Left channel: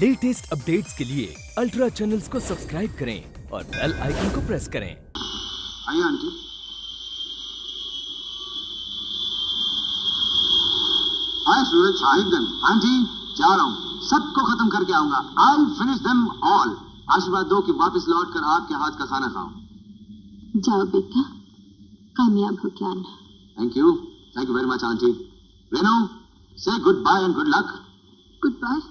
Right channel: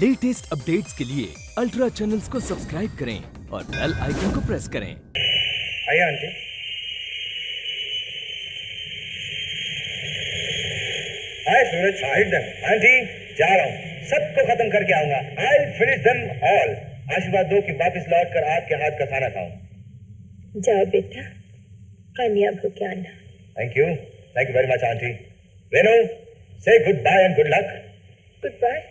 Latest updates के लिए ultra channels को सब्सक्राइब करें और बेल आइकन को प्रेस करें। आइए आंटी। हाय सूरज, मीट देम। आंटी जा रहा हूँ, सबको खत्म करके आऊंगा। I finish them all. आशीर्वाद दो कि वापस लौट कर आपके हाथ का खाना खाऊं। जाओ बेटा, कामयाब हो के आना। Thank you very much aunty. Renu, say good bye and good luck. Good bye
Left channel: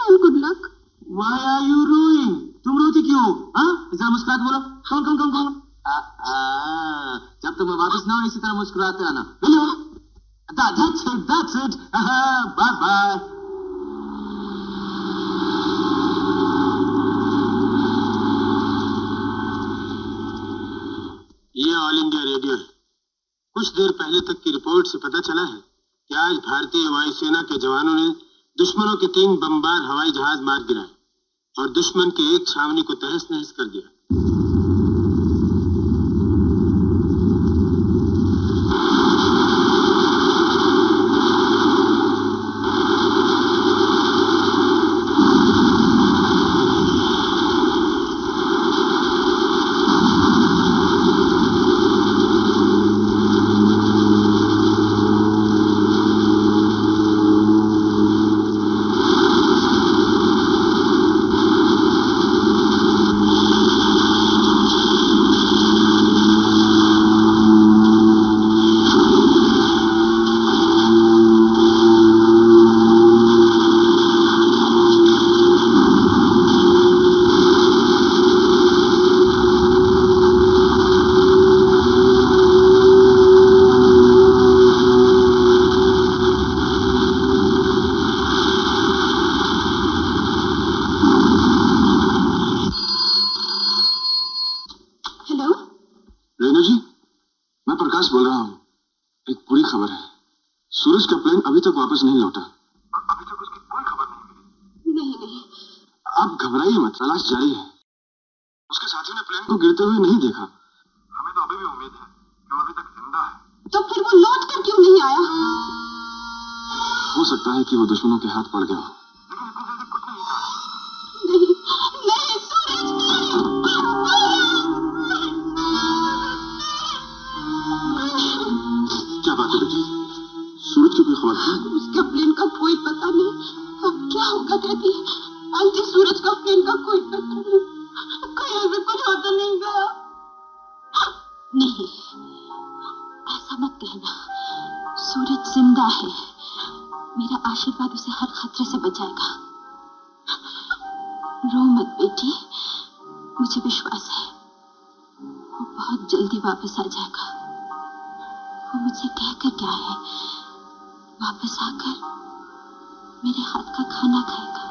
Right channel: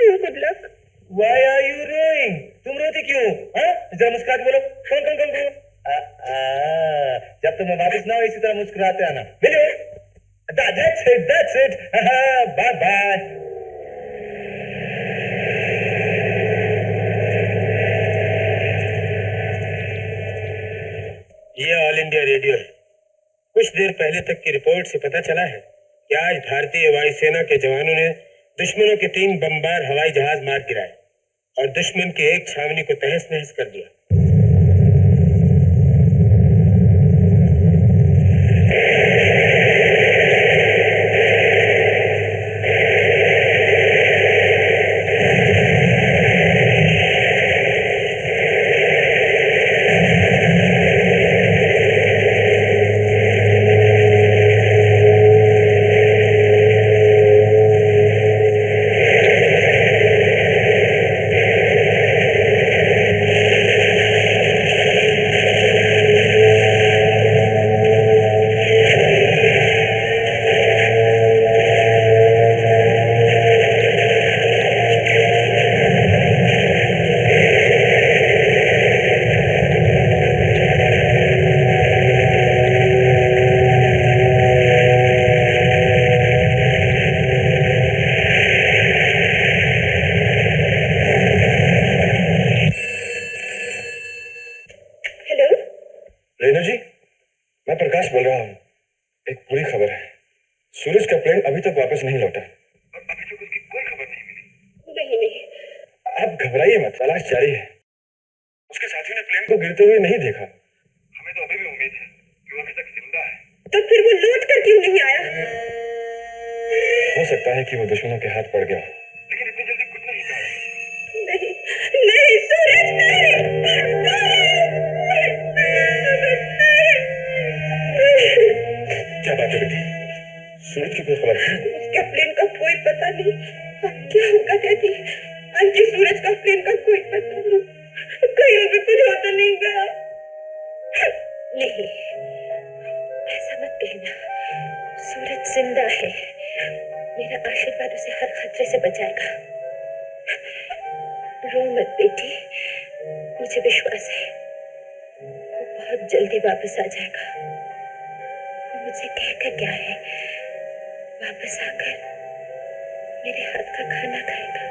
and good luck. Why are you crying? तुम रोती क्यों? हाँ, जरा मुस्कुरा के बोलो। कम कम कम कम। जब तक मैं वापस ना हो इसी तरह मुस्कुराते आना। Will you? That's it. Bye bye. ये ऑल इंडिया रेडियो है। कुछ देर पहले तक की रिपोर्ट से पता चला है कि आज भारतीय वायुसेना के जवानों ने दुश्मनों के 3 बमबार हवाई जहाज मार गिराए और दुश्मन की एक छावनी को तहस नहस कर दिया। हेलो रेनू जी, मैं प्रकाश बोल रहा हूँ। एक बुरी खबर है, सूरज का प्लेन अभी तक वापस नहीं लौटा और अभी तक उसकी कोई खबर नहीं मिली। नहीं, आप घबराइए मत, तलाश जारी है। उसके साथियों ने प्लेन को गिरते हुए नहीं देखा। हमें तो अभी भी उम्मीद है कि वो अभी तक जिंदा है। तो फिर वो लौट कर क्यों नहीं आया? हो सकता है कि वो दुश्मनों के हाथ पड़ गया हो, लेकिन इतनी जल्दी कुछ नहीं कहा। नहीं सूरज, नहीं। क्या बात है बेटी, सूरज की कोई खबर थी? उसके प्लेन का कोई पता नहीं। अब क्या होगा डैडी? आंटी, सूरज का प्लेन का कोई पता नहीं। कहीं भी कुछ हो तो नहीं गया? नहीं, ऐसा मत कहना। सूरज जिंदा है। मेरा आशीर्वाद उसे हर खतरे से बचाएगा। रो मत बेटी, मुझे विश्वास है वो बहुत जल्दी वापस आ जाएगा। वो मुझे कहकर क्या है, वापस आकर मेरे हाथ का खाना खाएगा।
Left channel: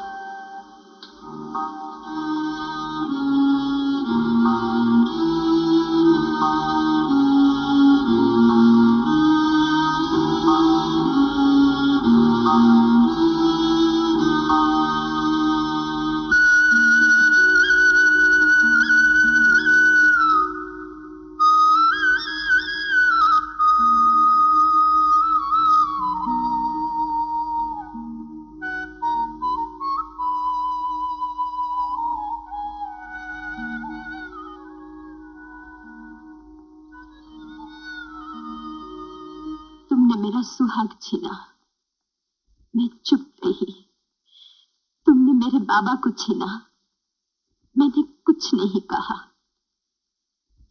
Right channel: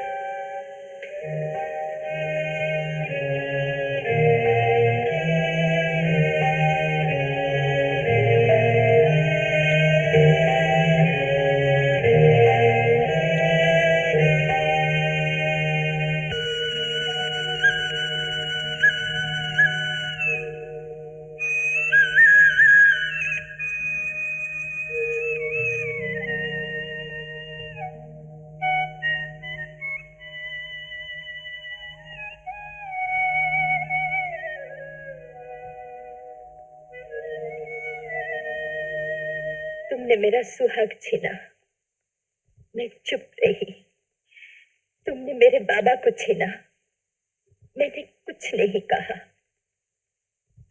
तुमने मेरा सुहाग छीना, मैं चुप रही। तुमने मेरे बाबा को छीना, मैंने कुछ नहीं कहा।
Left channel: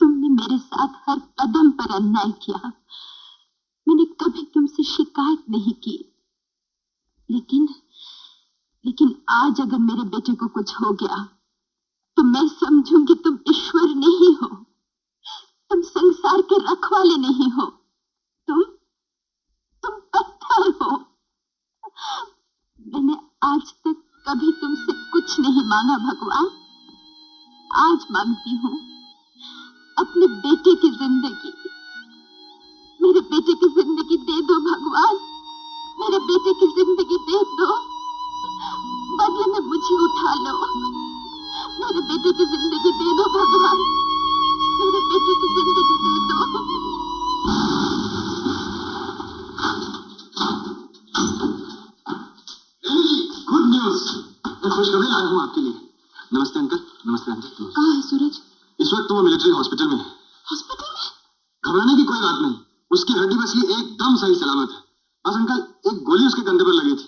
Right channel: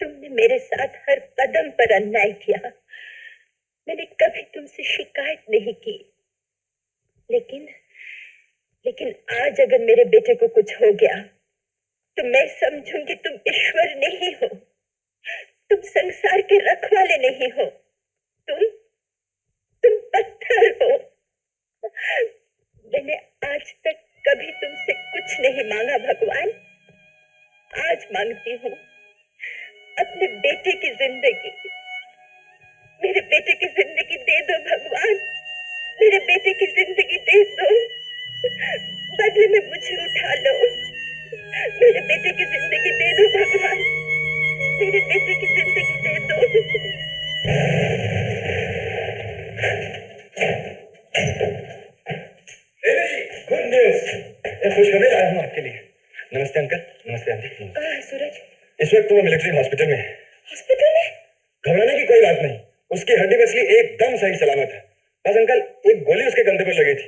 तुमने मेरे साथ हर कदम पर अन्याय किया, मैंने कभी तुमसे शिकायत नहीं की। लेकिन आज अगर मेरे बेटे को कुछ हो गया तो मैं समझूंगी तुम ईश्वर नहीं हो, तुम संसार के रखवाले नहीं हो, तुम पत्थर हो। मैंने आज तक कभी तुमसे कुछ नहीं मांगा भगवान, आज मांगती हूँ अपने बेटे की जिंदगी। मेरे बेटे की जिंदगी दे दो भगवान, मेरे बेटे की जिंदगी दे दो। बदले में मुझे उठा लो। मेरे बेटे की जिंदगी दे दो भगवान, मेरे बेटे की जिंदगी दे दो। गुड न्यूज, एक खुशखबरी लाया हूँ आपके लिए। नमस्ते अंकल। नमस्ते आंटी। कहाँ है सूरज? इस वक्त तो वो मिलिट्री हॉस्पिटल में है। हॉस्पिटल में? घबराने की कोई बात नहीं, उसकी हड्डी पसली एकदम सही सलामत है। बस अंकल एक गोली उसके कंधे पर लगी थी,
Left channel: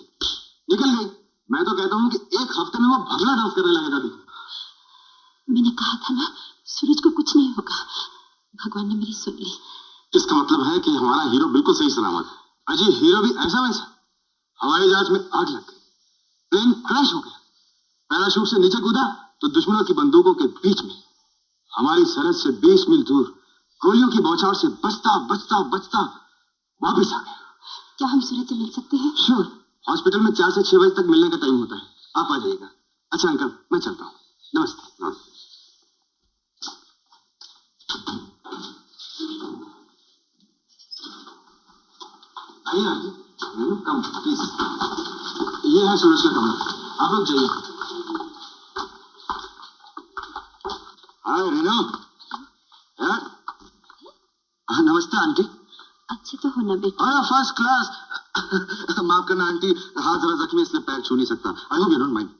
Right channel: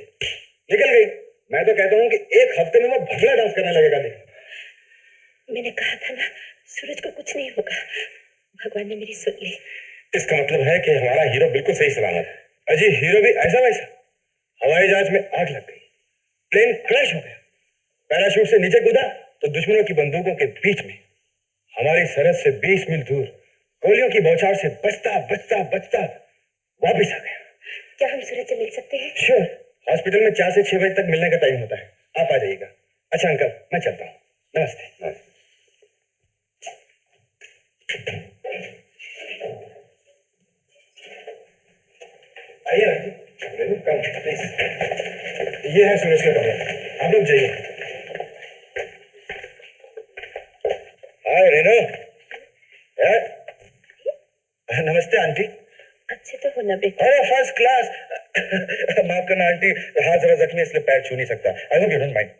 निकल गई। मैं तो कहता हूँ कि एक हफ्ते में वो भंगड़ा डांस करने लगेगा। देख, मैंने कहा था ना सूरज को कुछ नहीं होगा। भगवान ने मेरी सुन ली। इसका मतलब है कि हमारा हीरो बिल्कुल सही सलामत है। अजी हीरो भी ऐसा वैसा। हवाई जहाज में आग लग गई, प्लेन क्रैश हो गया, पैराशूट से नीचे कूदा तो दुश्मनों की बंदूकों के बीच में हमारी सरहद से 20 मील दूर गोलियों की बौछार से बचता बचता बचता वापिस आ गया। क्या हम सूरज से मिल सकते हैं? श्योर, हॉस्पिटल में 4 से 6 बजे तक मिलने का टाइम होता है, आप आ जाइएगा। अच्छा अंकल, मैं चलता हूँ। नमस्ते। नमस्ते। आइए आंटी, रेनू कम प्लीज। ये है सूरज का कमरा, आप लोग जाइए। हाय रेनू। नमस्ते आंटी। अच्छे तो हो ना बेटा? अरे फर्स्ट क्लास। माफ करना आंटी, हाथ जरा जख्मी इसलिए पैर छू नहीं सकता। I hope you don't mind.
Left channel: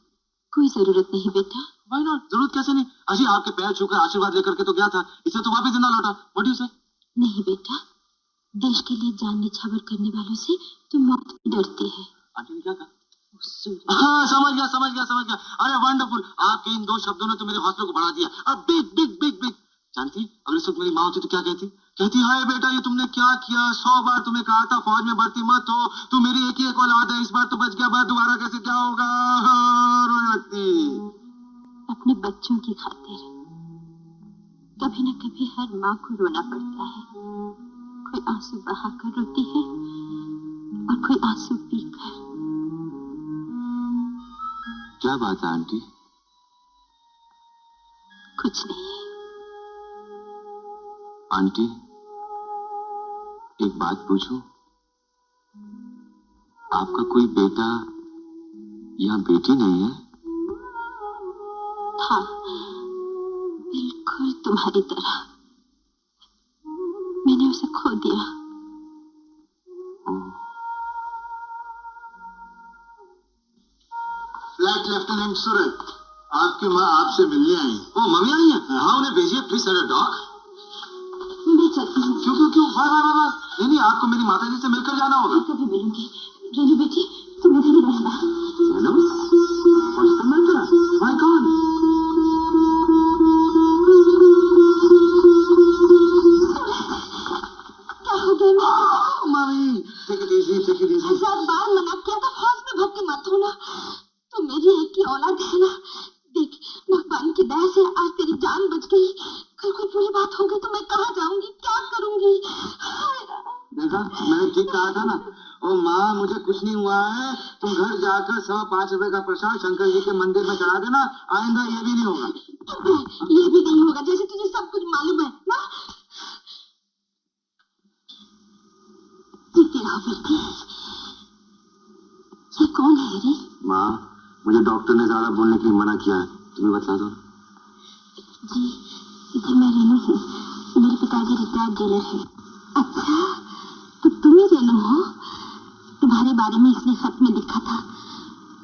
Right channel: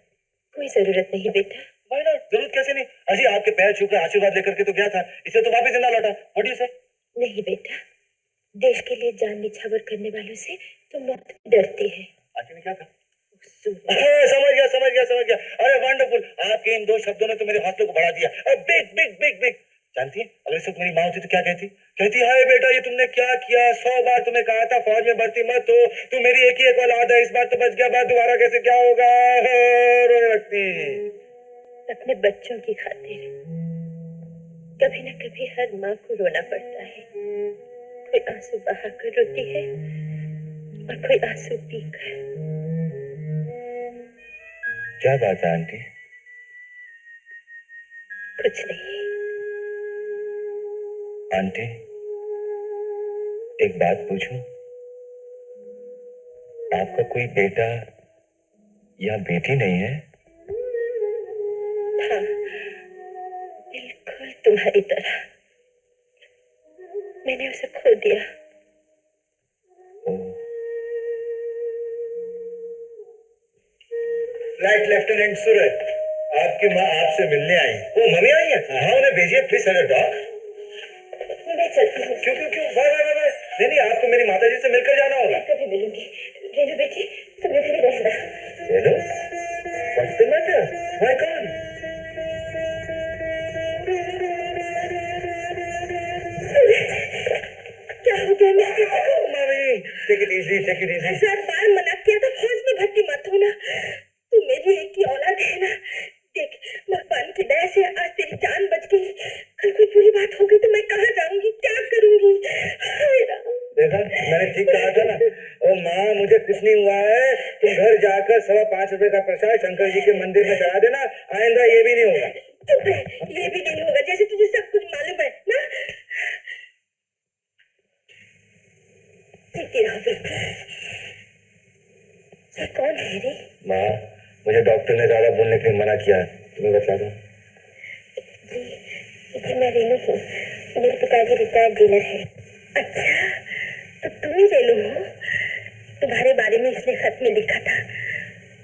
कोई जरूरत नहीं बेटा। Why not? जरूरत कैसे नहीं? अजी आपके पैर छूकर आशीर्वाद लेकर के तो गया था, इसे तो वापस जिंदा लौटा। व्हाट डू यू से? नहीं बेटा, देश के लिए जान निछावर करने वालों से तो मौत भी डरती है। आंटी ने क्या कहा? सूरज। हाँ, समझ गया। अरे वंडरफुल, आपके इन 2 शब्दों ने तो मेरे हौसलों को बढ़ा दिया। Big big big big. जानती है अगर इस वक्त मेरी माँ होती तो क्या कहती हाय बेटा ये तुमने क्या किया? 100 बार तुम्हें कहा था फौज में भर्ती मत हो, तू मेरी एक ही एक औलाद है, इस बार तो बच गया, बात दोबारा कैसे क्या होगा? रोने लगती। अपने बच्चों की खातिर कभी न कभी हर माँ को रोना पड़ता है। कोई आंसू बहाकर रोती है और कोई आंसू पीकर। क्या बात है आंटी? कुछ नहीं। आंटी एक बात पूछूं? आपका कोई बेटा या बेटी नहीं है? था, बिल्कुल तुम्हारी तरह। मैंने उसे खो दिया। फ्लाइट लेफ्टिनेंट सूरज, आपकी माँ आपसे मिलने आई। ओ मम्मी आई है? हाँ उन्हें भेजिए प्लीज। Send a dog. मैं चलती हूँ। क्यों? बाय। नहीं, आपको मेरी माताजी से मिलकर जाना होगा। मैं कभी मिलूंगी। रेनू बेटी तुम इधर ही रहना। Renu, what's the matter? Why gone? क्या हो गया मेरे? Mummy take it easy. 1000 बार मना किया था फौज में भर्ती मत होना। तू मेरी एक ही औलाद है ना। देख, भगवान की दया से आज तेरी जान बच गई। कल कोई बुरी बात हो गई तो मैं कहाँ जाऊंगी, क्या करूंगी? हाय राम। देखा, मैंने ठीक कहा था ना। ओ माँ, मुझे कुछ नहीं हुआ है। तुम घर जाकर 5.25 रुपए का प्रसाद शंकर जी के मंदिर में चढ़ा देना। आइंदा ये भी नहीं होगा। चुप रह, ये भी नहीं होगा, जैसे तुझे सब कुछ मालूम है ना। जीती रहो बेटी। ये कौन है रे? माँ, मुझे डॉक्टर ने ज्यादा बोलने के लिए मना किया है, तुम्हें बता दो। जी मैं रेनू हूँ। मेरे पिताजी रिटायर्ड जेलर है। अच्छा, तो तुम ही रेनू हो? तुम्हारे बारे में इसने खत में लिखा था,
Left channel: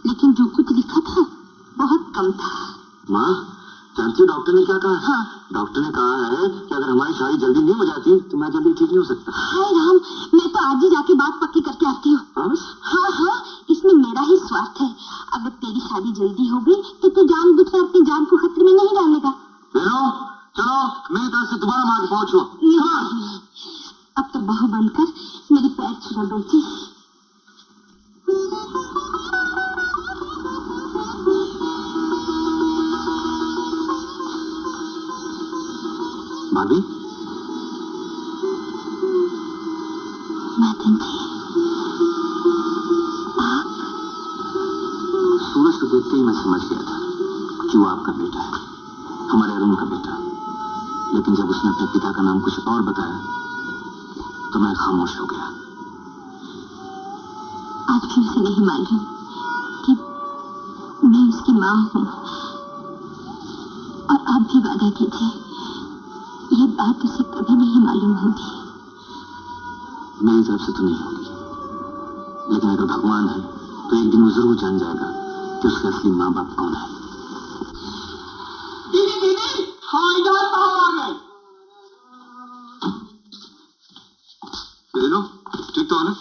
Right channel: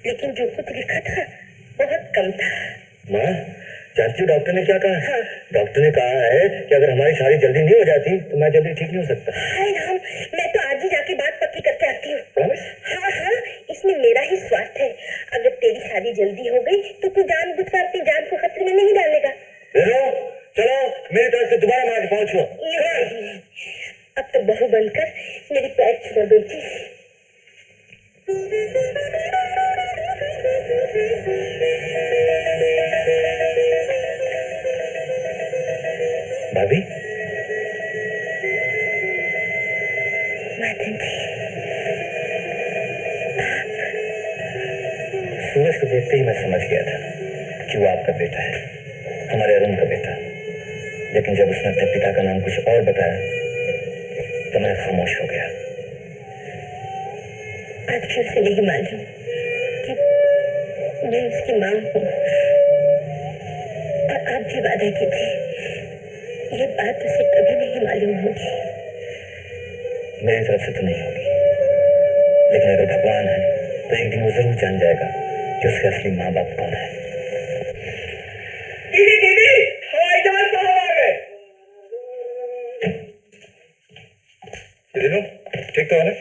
लेकिन जो कुछ लिखा था बहुत कम था। माँ, जानती हो डॉक्टर ने क्या कहा? हाँ। डॉक्टर ने कहा है कि अगर हमारी शादी जल्दी नहीं हो जाती तो मैं जल्दी ठीक नहीं हो सकता। हाय राम, मैं तो आज ही जाके बात पक्की करके आती हूँ। प्रॉमिस? हाँ, इसमें मेरा ही स्वार्थ है। अगर तेरी शादी जल्दी हो गई तो तू जानबूझकर अपनी जान को खतरे में नहीं डालेगा। रेनू, चलो मेरी तरफ से दोबारा मार के पहुंचो। नहीं, अब तो बहू बनकर मेरी पैर छुड़ा बेटी। भाभी, मदन जी, आप? सूरज को देखते ही मैं समझ गया था कि वो आपका बेटा है, हमारे अरुण का बेटा। लेकिन जब उसने अपने पिता का नाम कुछ और बताया तो मैं खामोश हो गया। आज भी उसे नहीं मालूम कि मैं उसकी माँ हूँ। और आप भी वादा कीजिए, ये बात उसे कभी नहीं मालूम होगी। मेरी तरफ से तो नहीं होगी, लेकिन अगर भगवान है तो एक दिन वो जरूर जान जाएगा कि उसके असली माँ बाप कौन है। दीदी दीदी, हवाई जहाज साहब आ गए। दिनों ठीक तो है ना?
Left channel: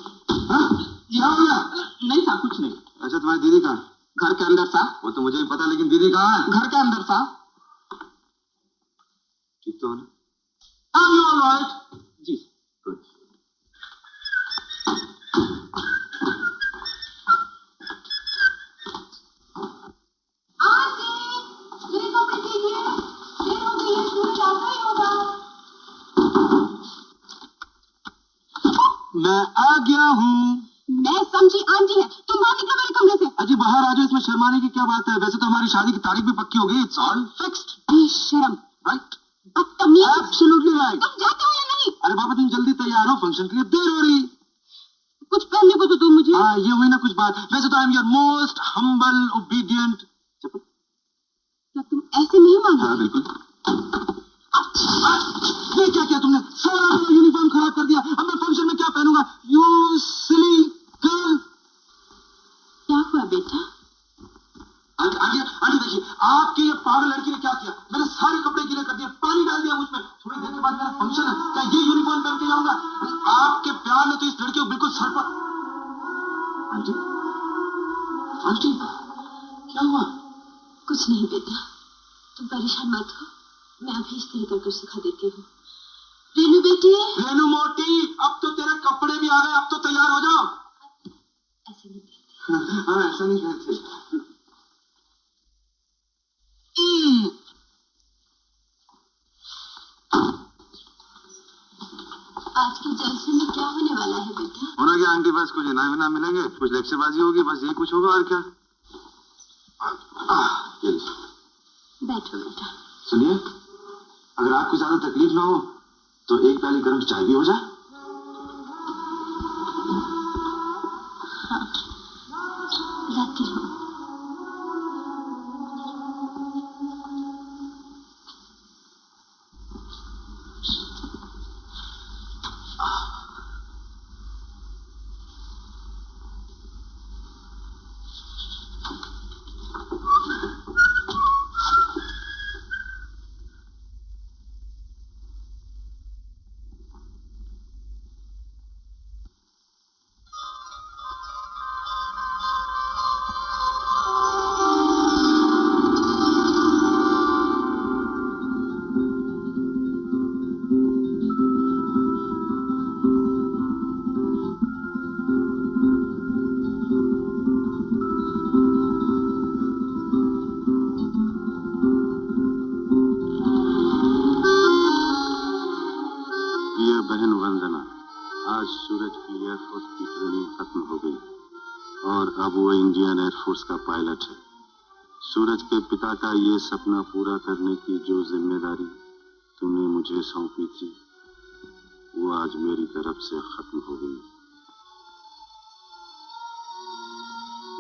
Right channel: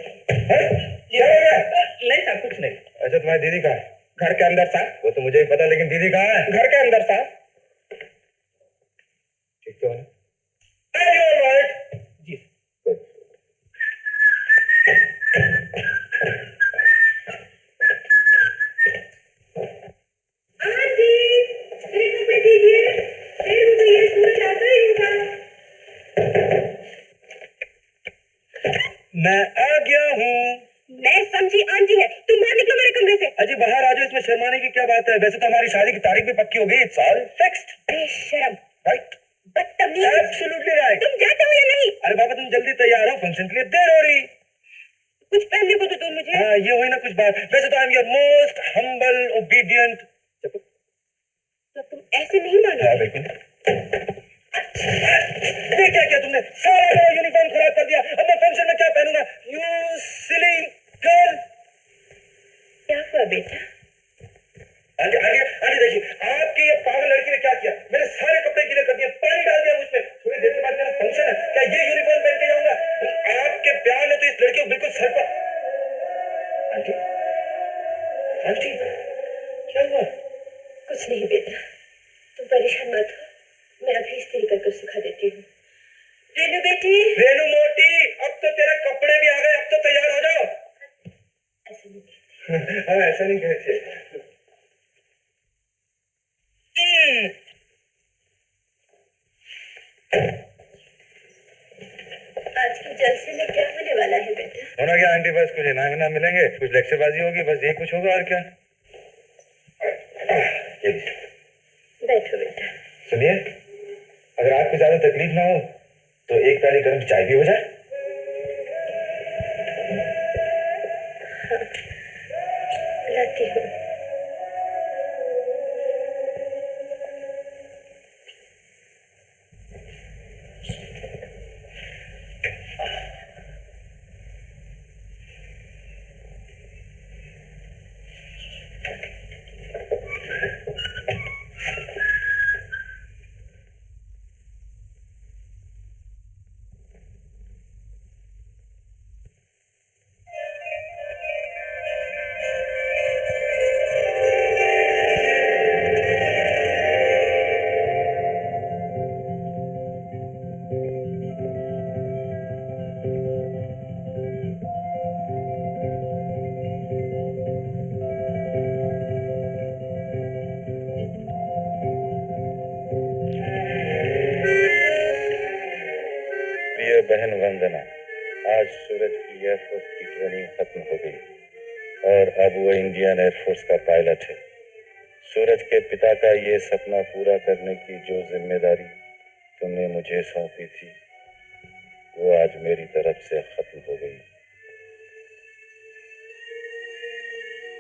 हाँ? क्या हो गया? नहीं साहब, कुछ नहीं। अच्छा, तुम्हारी दीदी कहाँ है? घर के अंदर साहब। वो तो मुझे भी पता, लेकिन दीदी कहाँ है? घर के अंदर साहब। ठीक तो है ना? Are you all right? जी Good. आंटी, मेरे कपड़े दीजिए, देर हो गई है, सूरज आता ही होगा। मैं आ गया हूँ। मैं समझी आंटी है, तुम बाहर निकलो मेरे कमरे से। अजी बाहर आ जाओ, इसमें शर्माने की क्या बात है? वैसे तो हमारी शादी की तारीख भी पक्की हो गई। It's all fixed. बेशरम, राइट? बदतमीज। Absolutely right. तुम जाते हो या नहीं? अरे बाबा, तुम जल्दी तैयार हो, फंक्शन के लिए देर हो रही। कुछ पहनने को तो दो मुझे। हाँ, ये हुई ना कुछ बात। वैसे तो I am your most humble obedient. तो तुम ऐसे नहीं मानोगे? हाँ बिल्कुल। ये क्या किया तुमने? सारा मेरा यूनिफॉर्म खराब कर दिया। अब मैं फंक्शन में क्या पहनूंगा? You silly girl. क्या हुआ बेटा? आंटी आंटी आंटी, देखिए आपकी ये पागल लड़की ने क्या किया। मेरे सारे कपड़े गीले कर दिए, पानी डाल दिया मुझ पे। थोड़ी देर के बाद मेरा फंक्शन है, क्या ये यूनिफॉर्म पहन के जाऊंगा? आपके प्यार ने तो इस लड़की को बिल्कुल सर पर। आंटी आंटी, क्या हुआ? कुछ नहीं बेटा, तुम परेशान मत हो, मैं अभी इस्त्री करके सिखा देती हूँ। रेनू बेटी। रेनू मोटी, अब तो तेरे कपड़े भी आ गए, अब तो तैयार हो जाओ। ऐसा नहीं कहते। हाँ, ऐसा नहीं कहते। आज के जलसे में क्या होने वाला है बेटा? होना क्या आंटी, बस कुछ इनाम इनाम मिलेंगे, कुछ लेक्चरबाजी होगी, बस यही कुछ होगा और क्या। ये लीजिए। बैठो बेटा। सुनिए, अगर आपको ज्यादा तकलीफ ना हो तो एक प्याली गर्म चाय भी हो जाए। हाँ, लाती हूँ। प्रिय बहन वंदना, आज सूरज की एयरफोर्स की ट्रेनिंग खत्म हो गई और अब वो इंडियन एयरफोर्स का पायलट है। सूरज के पिता का ये सपना पूरा करने की जो जिम्मेदारी तुमने मुझे सौंपी थी, वो आज मेरी तरफ से खत्म हो गई।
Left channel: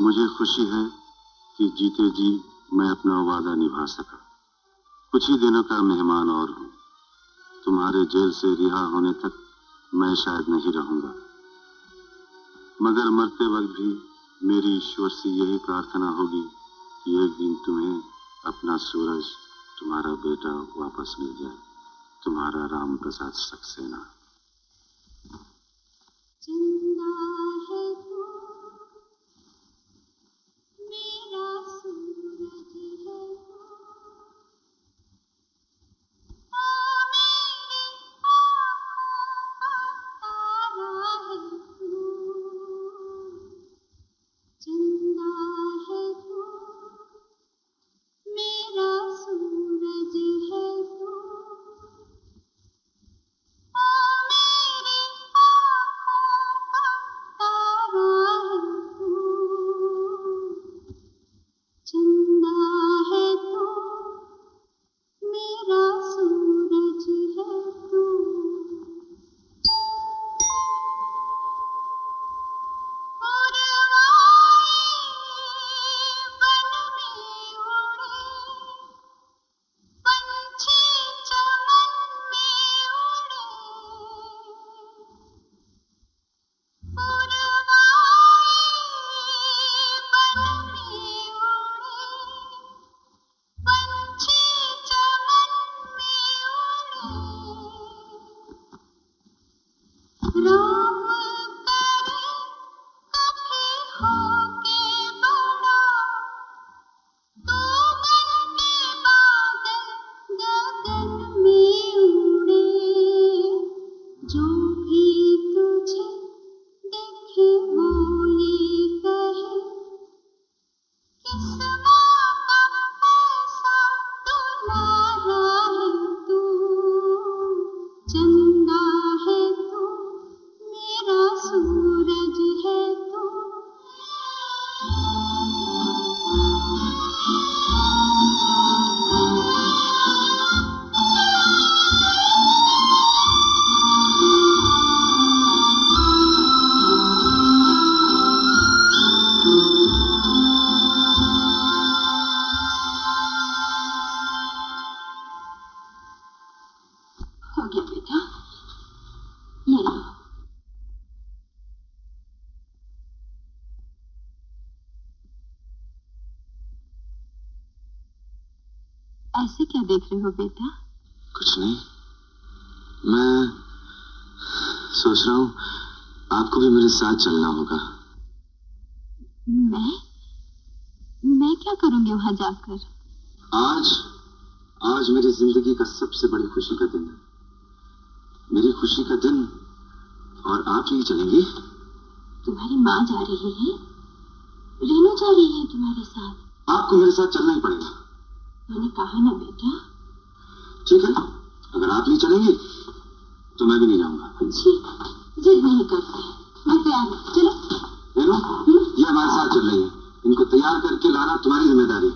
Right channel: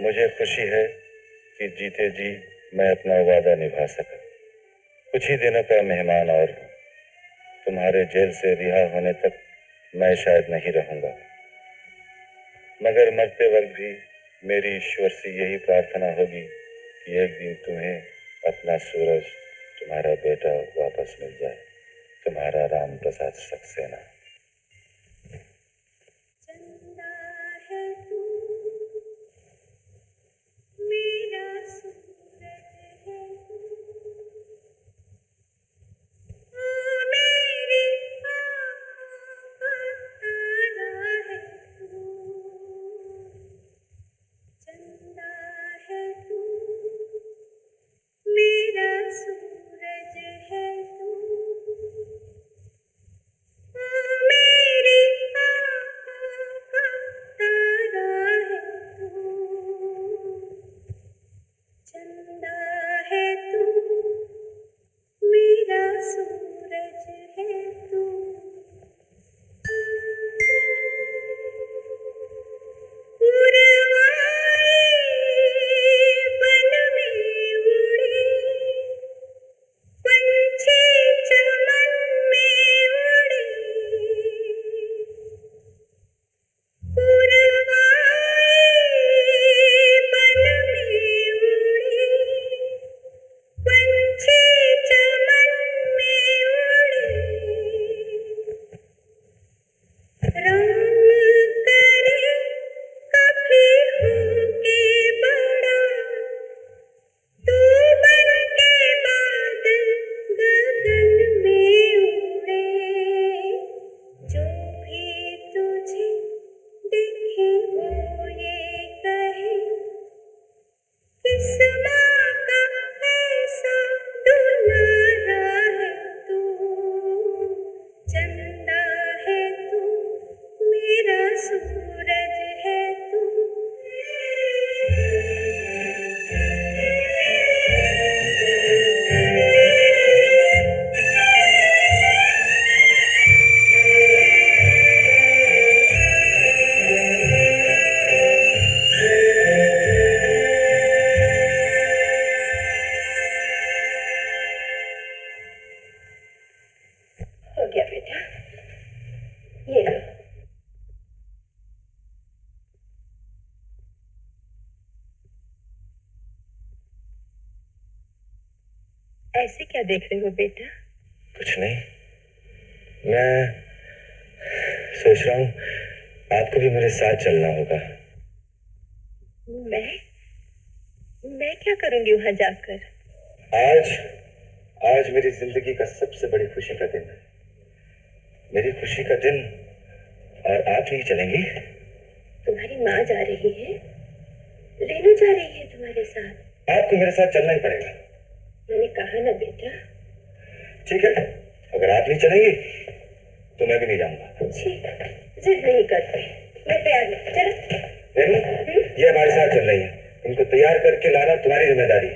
मुझे खुशी है कि जीते जी मैं अपना वादा निभा सका। कुछ ही दिनों का मेहमान और हूं। तुम्हारे जेल से रिहा होने तक मैं शायद नहीं रहूंगा, मगर मरते वक्त भी मेरी ईश्वर से यही प्रार्थना होगी कि एक दिन तुम्हें अपना सूरज, तुम्हारा बेटा वापस मिल जाए। तुम्हारा राम प्रसाद सक्सेना। चंदा है तू, मेरा सूरज है तू, ओ मेरी आँखों का तारा है तू। चंदा है तू, मेरा सूरज है तू, ओ मेरी आँखों का तारा है तू। चंदा है तू, मेरा सूरज है तू। पुरवाई इस माँ का ऐसा दुलारा है तू, चंदा है तू, मेरा सूरज है तू। हो गया बेटा, ये लो। ऐसे क्या देख रहे हो बेटा? कुछ नहीं, मैं सोच रहा हूँ आपको भी मेरे साथ चलना होगा। मैं क्या करूंगी वहां जाकर? आज मेरी जिंदगी का सबसे बड़ी खुशी का दिन है, मेरी खुशी का दिन, और आप नहीं चलेंगी? तुम्हारी माँ जा रही है, रेनू जा रही है तुम्हारे साथ। आपको मेरे साथ चलना ही पड़ेगा। मैंने कहा ना बेटा। ठीक है, अगर आप नहीं चलेंगी तो मैं भी नहीं जाऊंगा। छी, जिद नहीं करते, मैं तैयार हूँ, चलो। रेनू, ये हमारे साथ चल रही है, इनको तैयार करके लाना तुम्हारी जिम्मेदारी।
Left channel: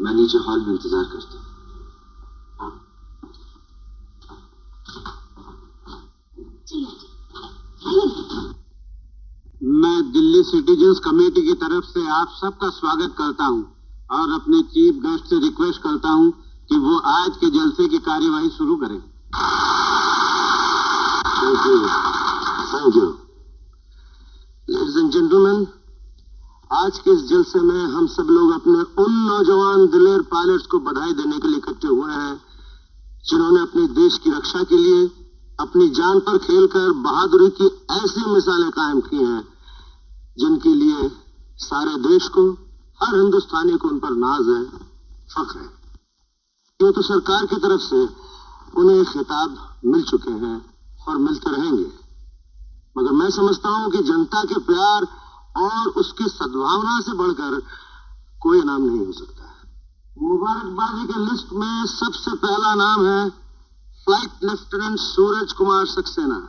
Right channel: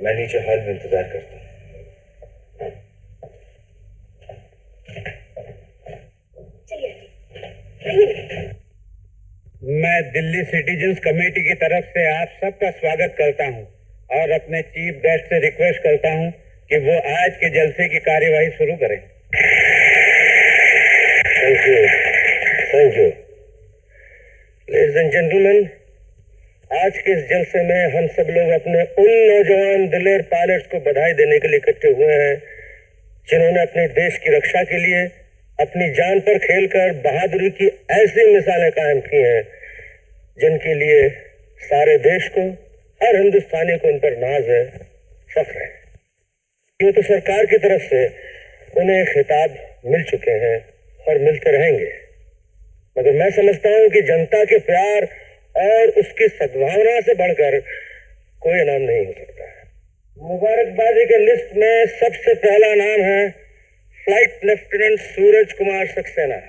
मैं नीचे हॉल में इंतजार करता हूँ। चलिए आइए, आइए। मैं दिल्ली सिटीजन्स कमेटी की तरफ से आप सबका स्वागत करता हूं और अपने चीफ गेस्ट से रिक्वेस्ट करता हूं कि वो आज के जलसे की कार्यवाही शुरू करें। Thank you ladies and gentleman, आज के इस जलसे में हम सब लोग अपने उन नौजवान दिलेर पायलट्स को बधाई देने के लिए इकट्ठे हुए हैं जिन्होंने अपने देश की रक्षा के लिए अपनी जान पर खेलकर बहादुरी की ऐसी मिसालें कायम की हैं जिनके लिए सारे देश को, हर हिंदुस्तानी को उन पर नाज है, फख्र है। यूं तो सरकार की तरफ से उन्हें खिताब मिल चुके हैं और मिलते रहेंगे, मगर मैं समझता हूं कि जनता के प्यार और उसकी सद्भावना से बढ़कर कोई इनाम नहीं हो सकता। मुबारकबादी के लिस्ट में सबसे पहला नाम है flight lieutenant Suraj Kumar Saxena.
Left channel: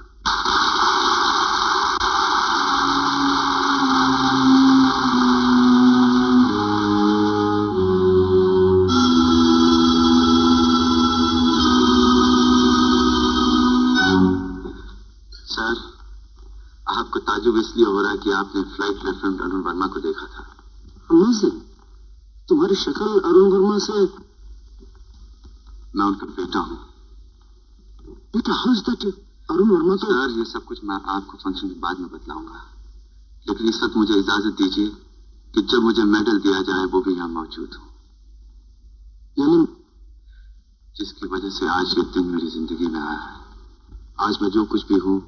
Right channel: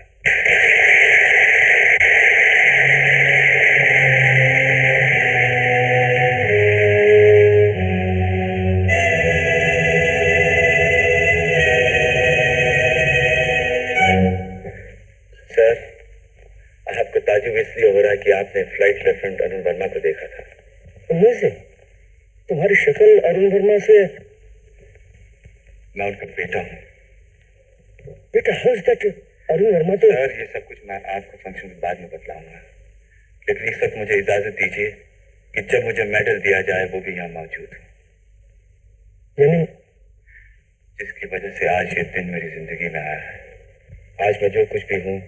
Sir, आपको ताजुब इसलिए हो रहा है कि आपने फ्लाइट लेफ्टिनेंट अरुण वर्मा को देखा था। अमेजिंग, तुम्हारी शक्ल अरुण वर्मा से। मैं उनका बेटा हूँ। बेटा, how is that? Arun Verma तो। सर, ये सब कुछ मैं आपको फंक्शन के बाद में बतलाऊंगा, लेकिन इस वक्त मुझे इजाजत दीजिए कि जब मुझे मेडल दिया जाए वो भी यहाँ मौजूद हूँ। यानी जिसकी वजह से आज ये दिन मेरी जिंदगी में आया है। आज मैं जो कुछ भी हूँ,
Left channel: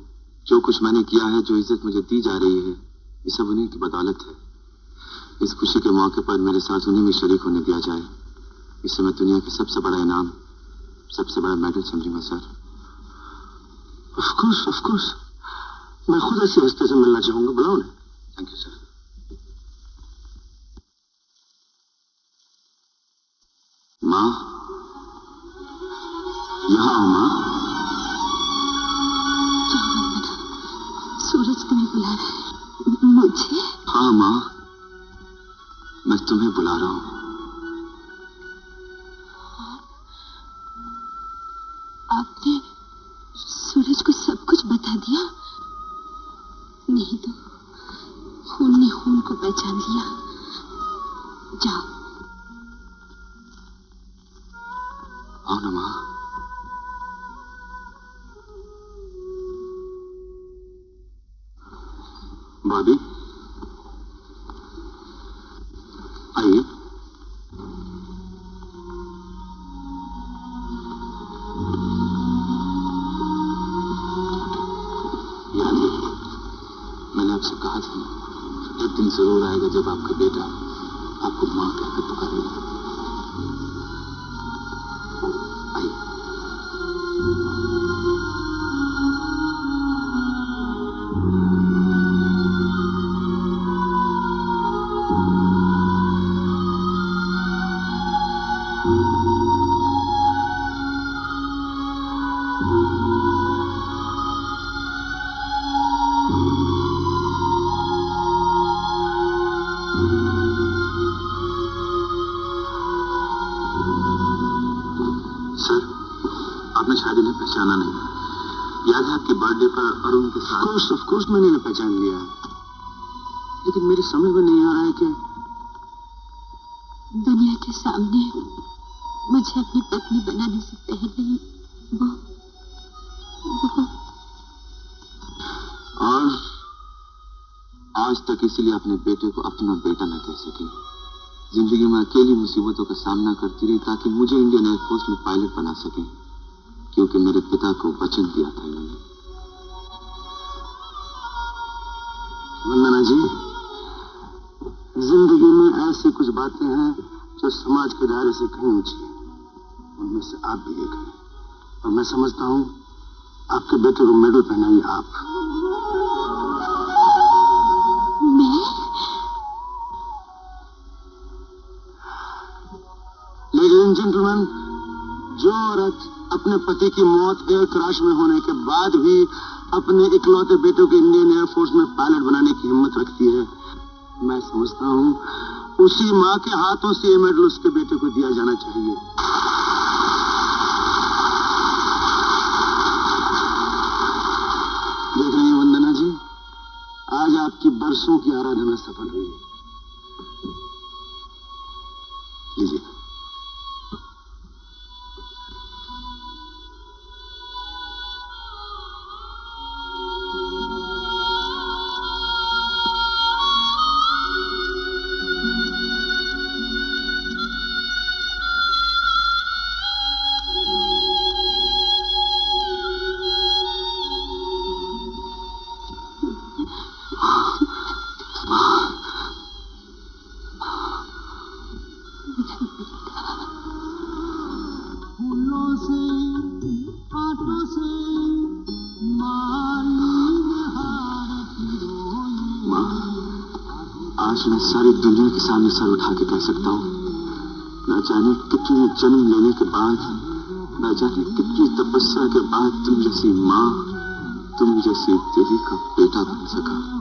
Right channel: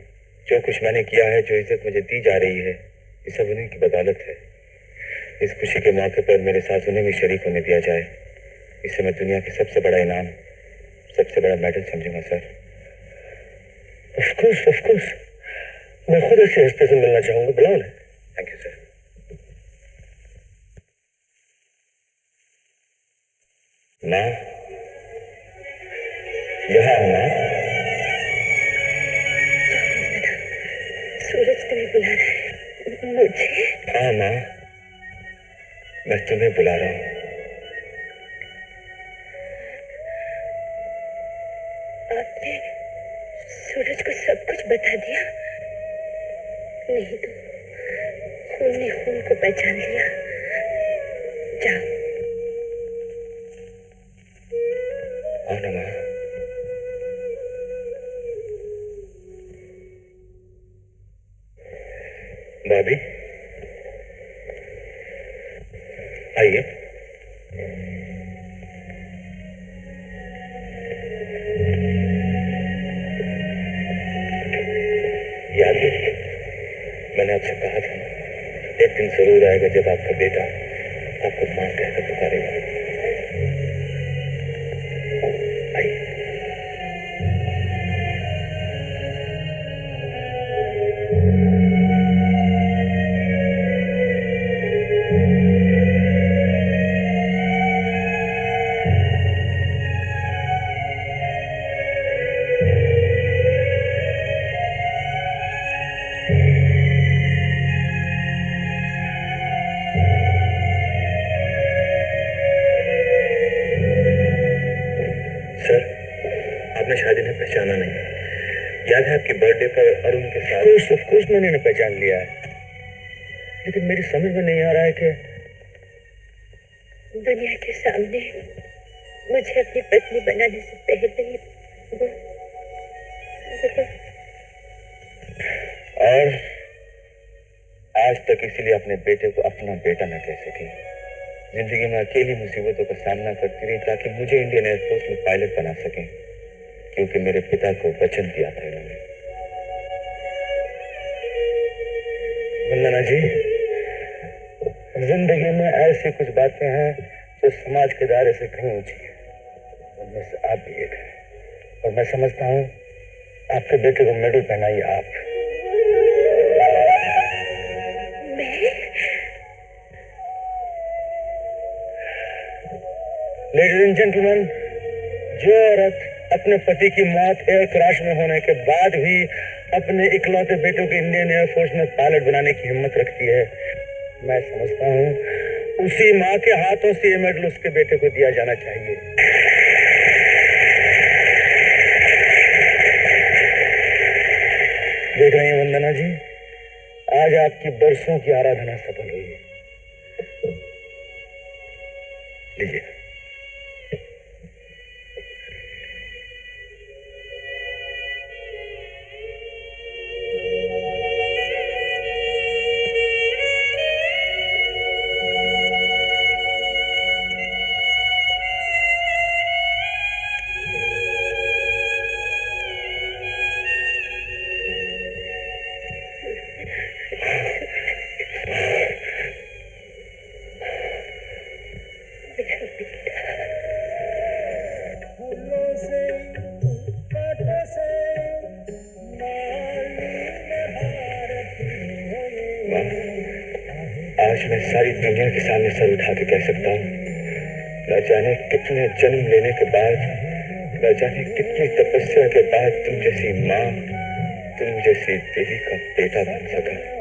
जो कुछ मैंने किया है, जो इज्जत मुझे दी जा रही है, ये सब उन्हीं की बदौलत है। इस खुशी के मौके पर मेरे साथ उन्हें भी शरीक होने दिया जाए, इससे मैं दुनिया की सबसे बड़ा इनाम, सबसे बड़ा मेडल समझूंगा सर। ऑफ कोर्स, मैं खुद ऐसे हस्ते से मिलना चाहूंगा, बुलाओ ना। Thank you sir. माँ, यहाँ आओ माँ। सूरज तुम्हें बुला रहा है। मुझे? हाँ माँ, मैं तुम्हें बुला रहा हूँ। आपने सूरज को सब कुछ बता दिया? नहीं तो खून ने खून को पहचान लिया। जाओ। आओ ना माँ। भाभी, आइए। याद है, मैंने आपसे कहा था ना, एक दिन जरूर आएगा जब आपका बेटा आपको मां कहकर पुकारेगा। आइए। सर, आपने शायद इन्हें पहचाना नहीं। याद है आपकी बर्थडे पर अरुण के साथ? ऑफ कोर्स मैंने इन्हें पहचान लिया है, लेकिन मेरी समझ में नहीं आ रहा है कि दुनिया के सामने मुझे अपनी पत्नी बनाने से पहले ही वो और आज तक इसीलिए अपने बेटे को अपना बेटा न कह सकी। जिंदगी में अकेली मुसीबतों का सामना करती रही ताकि मुझे इंडियन एयरफोर्स में पायलट बना सकें, क्योंकि मेरे पिता को वचन दिया था इन्होंने। वंदना जी, जिंदगी में ऐसी कुछ बातें हैं जो समाज के दायरे से कहीं ऊंची हैं। उनमें से आप भी एक हैं, और मैं समझता हूं आपके बेटे को मेडल पहनाइए आप। मैं? लेडीज एंड जेंटलमैन, जो औरत अपने पति की मौत एयर क्रैश में होने के बाद भी अपने इकलौते बेटों को इंडियन एयरफोर्स में पायलट बनाने की हिम्मत रखती है, मैं समझता हूं उसी मां के हाथों से ये मेडल उसके बेटे को दिया जाना चाहिए। देख रही हैं वंदना जी, आज आपकी बरसों की आराधना सफल हुई है। लीजिए। फूलों से हाथों से माली हार पिरोए। माँ, आज मैं सारी दुनिया के सामने सर उठा के कह सकता हूँ, न जाने कितने जन्म लेने के बाद, न जाने कितनी तपस्या के बाद तुम जैसी माँ, तुम जैसी देवी का बेटा बन सका।